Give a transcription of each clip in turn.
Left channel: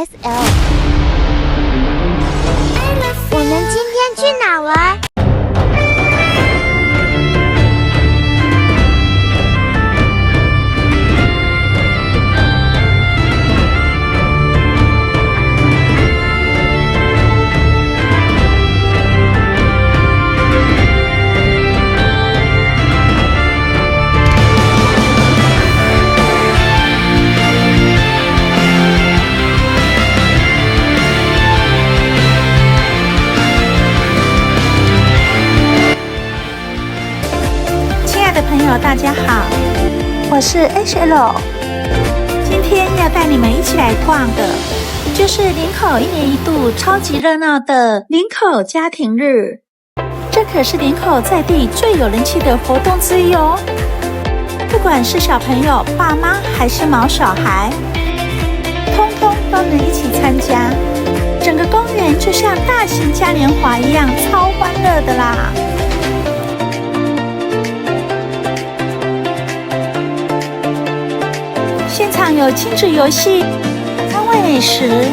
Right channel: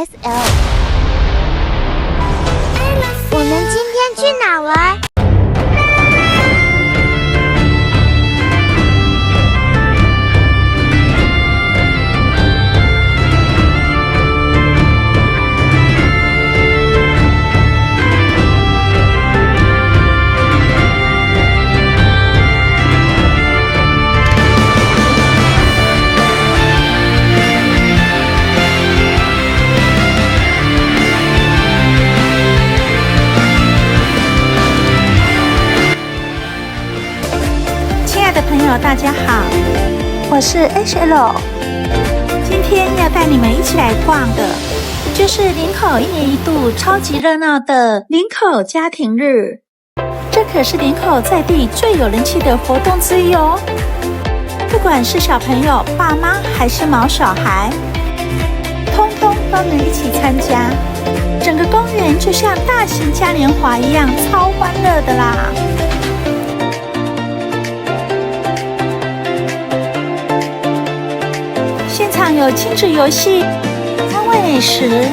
SL。我们今天去哪玩？朋友大家好，我是 HL， 今天要带你们一起来逛的就是林口1年1度超级热闹的林口家庭日，这可是林口在地最有人气的活动之一哦。不管是小朋友、爸妈还是毛小孩，通通都能一起参加，整个公园就像大型嘉年华一样，超欢乐的啦。现场有亲子游戏、摊位美食，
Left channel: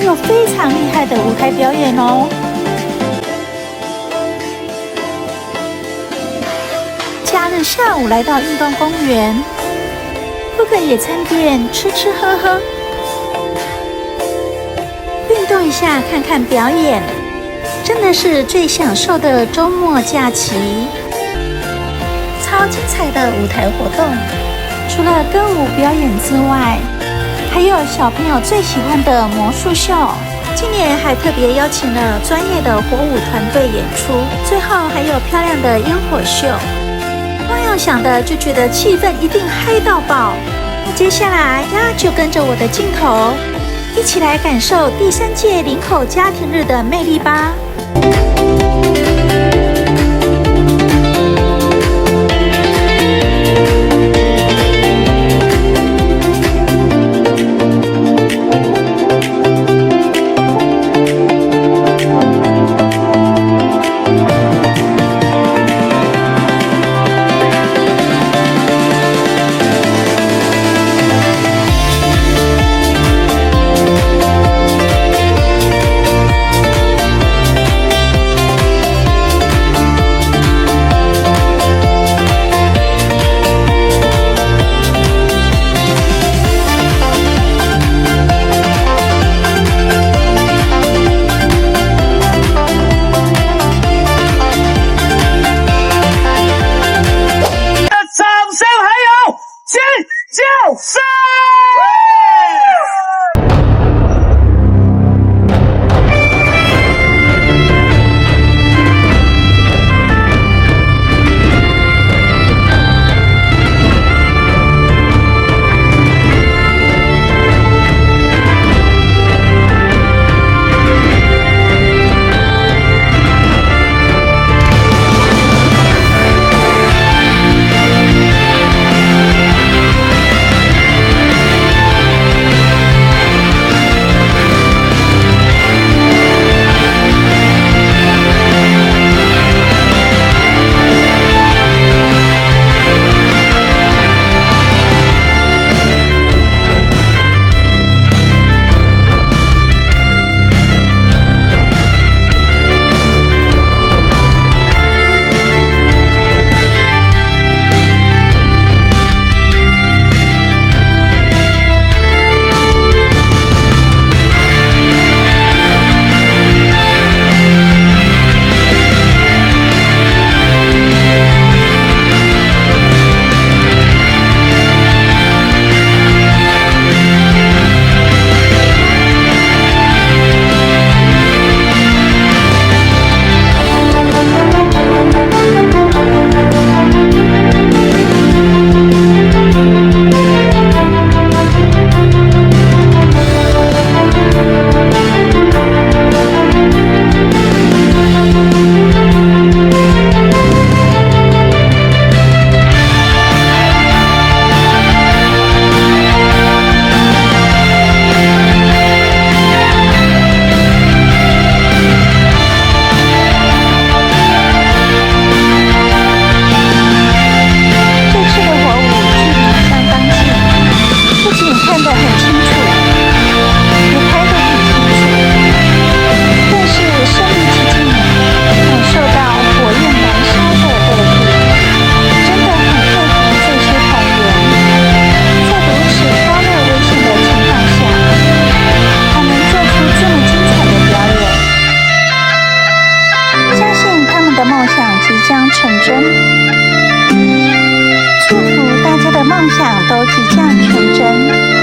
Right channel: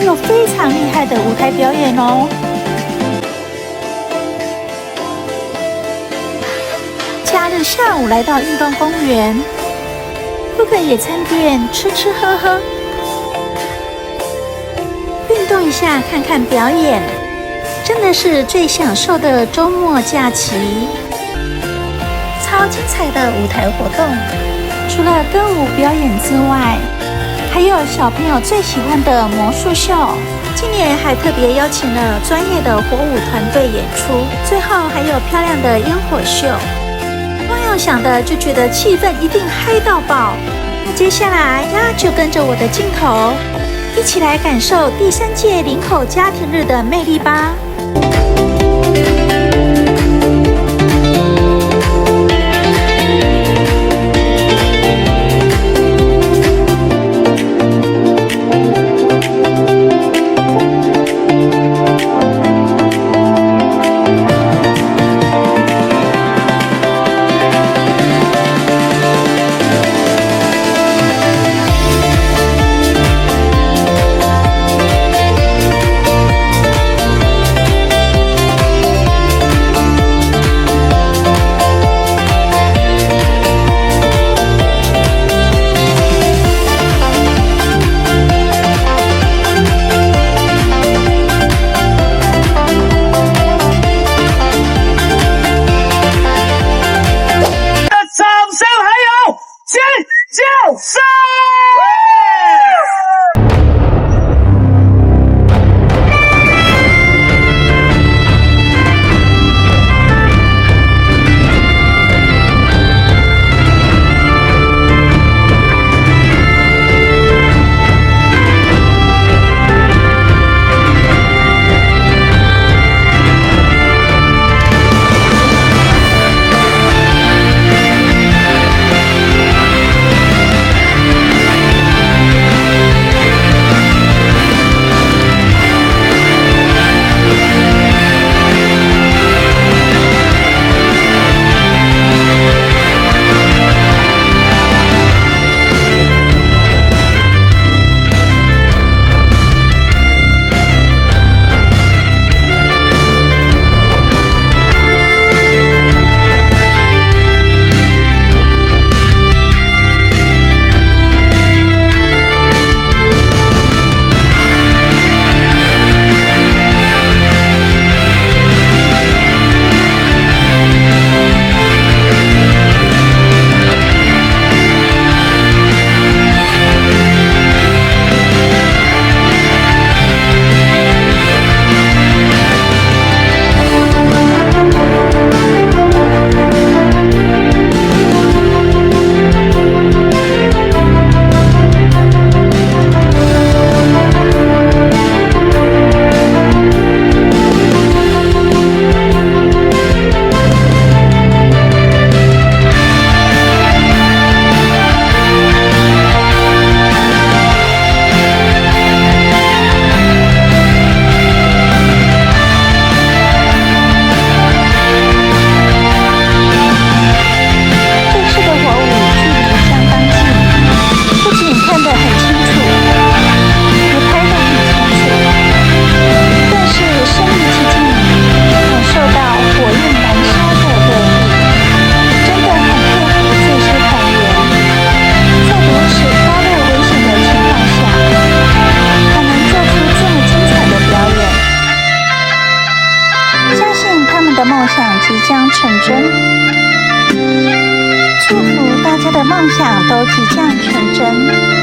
有非常厉害的舞台表演哦。假日下午来到运动公园，各个野餐店吃吃喝喝，运动一下，看看表演，真的是最享受的周末假期。超精彩的舞台活动。除了歌舞表演之外，还有小朋友最喜欢的魔术秀。今年还特别邀请了专业的火舞团队演出，最后还有漂亮的烟火秀。光要想的就觉得气氛一定嗨到爆。那接下来呀，就跟着我的镜头，一起来感受第3届林口家庭日的魅力吧。的火舞距离相当近，不仅看得很清楚，也的梦想即将成真。祝福大家的梦想都即将成真。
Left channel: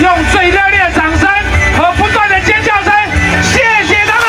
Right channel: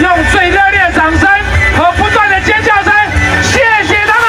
用最热烈的掌声和不断的尖叫声，谢谢他们。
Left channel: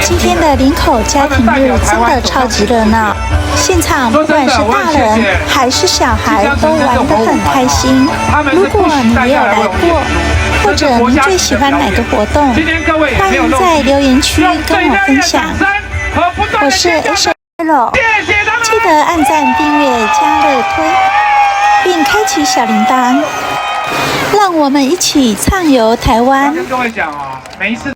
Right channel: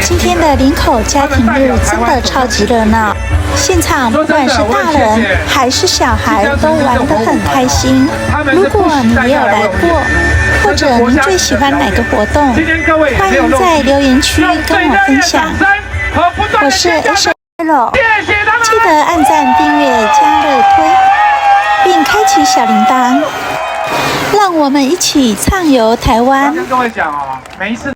今天的林口家庭日真的超级热闹，现场不管是大人还是小孩都玩得很开心。如果你也有来过，或者您最喜欢哪个活动，欢迎在留言区跟我分享。我是 H.L， 记得按赞、订阅、加热推，并开启小铃铛，让我们一起畅游台湾。跟各位讲哦，每一次。